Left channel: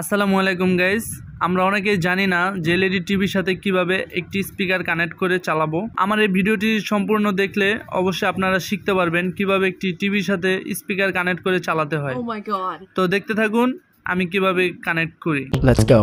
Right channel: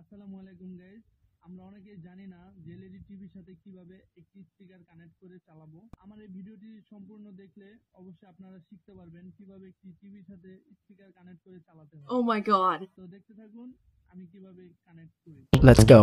আসসালামু আলাইকুম গাইস, আমরা অনেকেই জানি না যে এলইডি টিভির সাথে কিভাবে একটি স্পিকার কানেক্ট করে চালাবো। আমার এই ভিডিওটি সম্পূর্ণ দেখলে অবশ্যই আপনারা শিখতে পারবেন কিভাবে একটি টিভির সাথে স্পিকার কানেক্ট করে চালাতে হয়। Oh my god. তো দেখতে থাকুন আমি কিভাবে কানেক্ট করি। Let's go.